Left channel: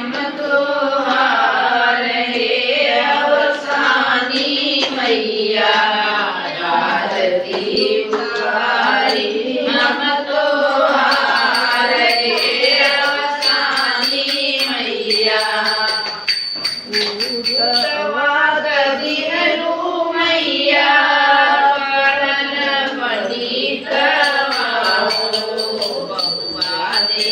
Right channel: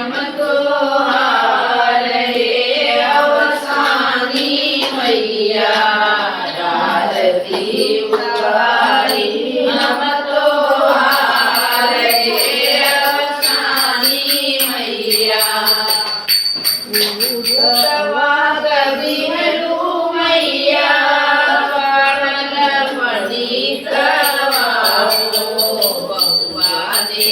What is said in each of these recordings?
हम तो हार हे अवसानी मैया आरती उतारी हम तो हार हे अवसानी मैया उठवा दिहलू मैया पड़ल पड़ी बहुआ दे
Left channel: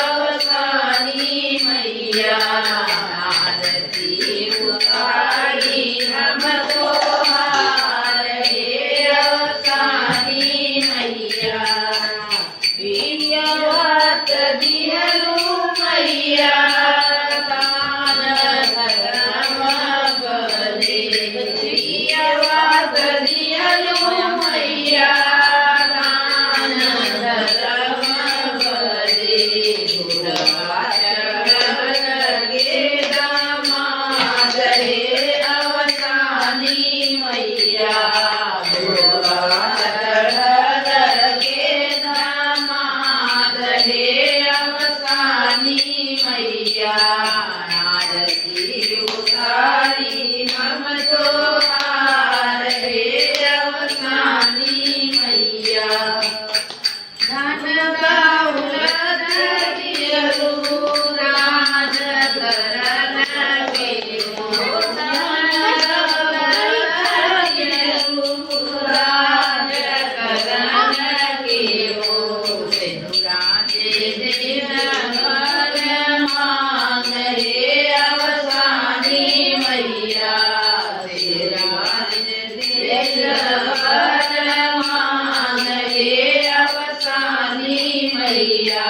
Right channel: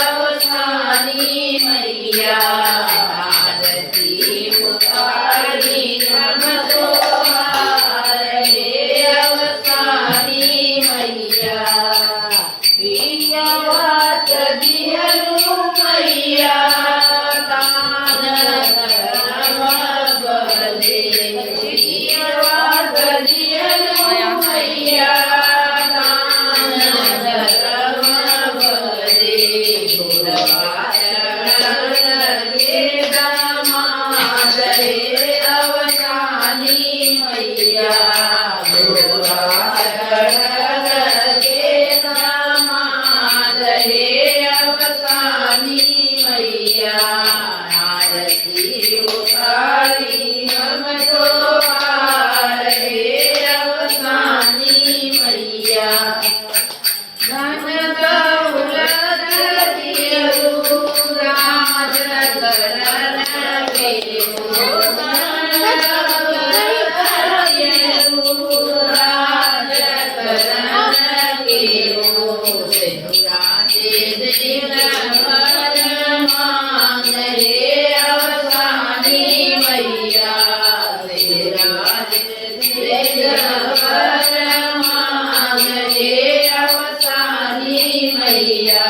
अवसानी मैया आरती उतारी हम तो हार हे अवसानी मैया प्रियवत दिहलू मैया तान धर्म बले प्रियवत दिहलू मैया तान धर्म बले गुरवा लगे दामाद हे अवसानी मैया गुरवा अवसानी मैया आरती उतारी हम तो हार हे अवसानी मैया धन दौलत दिहलू राज करन केहू धन दौलत दिहलू राज करन केहू मांग हे अवसानी मैया मांग हे अवसानी मैया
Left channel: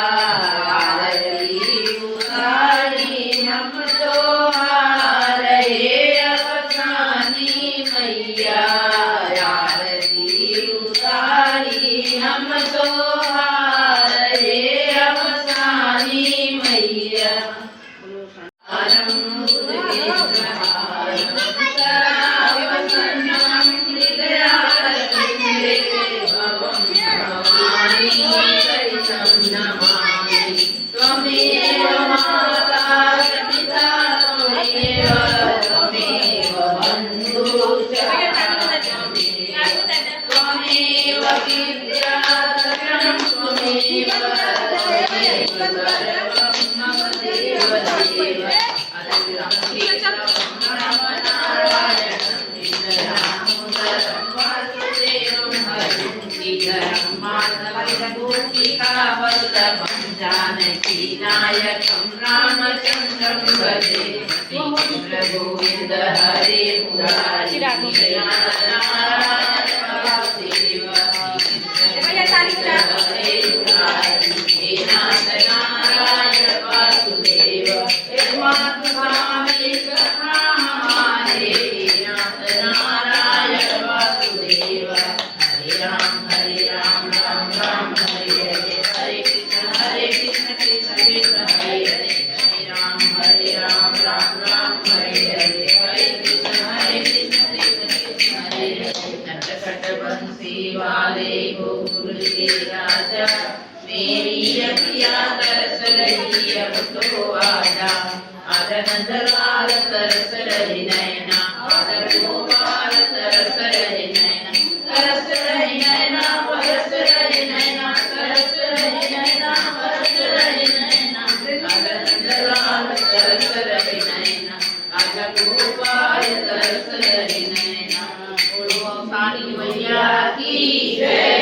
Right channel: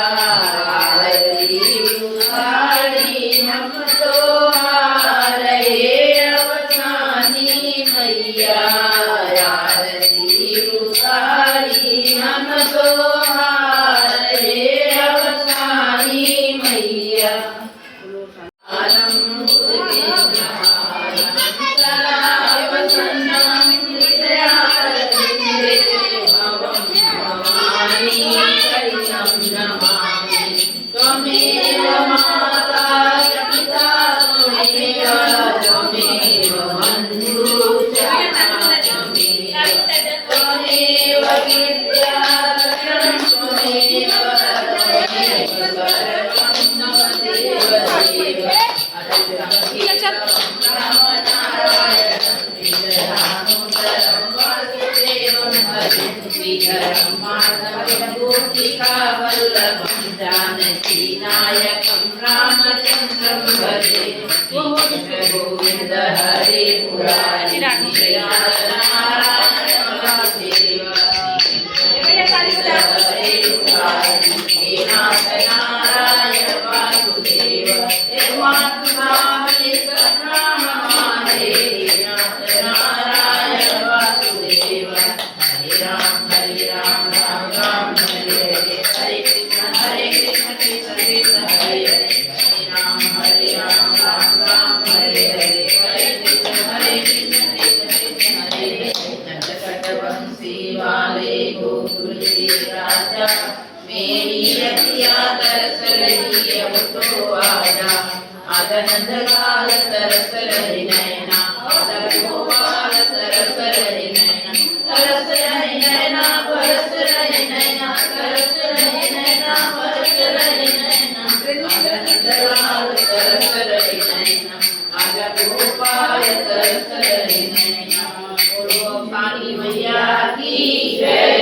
आरती उतारी हम तो हार हे अवसानी मैया आरती उतारी हम तो हार हे अवसानी मैया त्वमेव माता पिता त्वमेव बन्धु त्वमेव विद्या त्वमेव सर्वं मम देव देव वल्लभं जानकी नायकं रामचन्द्रं भजे गोविन्द हरे मुरारी नारायण वासुदेव हरे मुरारी हे नाथ नारायण वासुदेव हे मातुभावलिक नाम माने हे नाथ नारायण वासुदेव हरे राम राम राम हरे हरे हरे कृष्ण कृष्ण कृष्ण हरे हरे हरे राम राम राम हरे हरे हरे कृष्ण कृष्ण कृष्ण हरे हरे नटखट बंसी वाले गोकुल के राजा मेरी अखियाँ तरस रही अब तो आजा आजा नंदलाल तरस रही नैना आजा गोपाल तरस रही नैना तरस रही नैना बरस रही नैना तरस रही नैना बरस रही नैना आजा नंदलाल तरस रही नैना आजा गोपाल तरस रही नैना बोलो काली मैया की जय।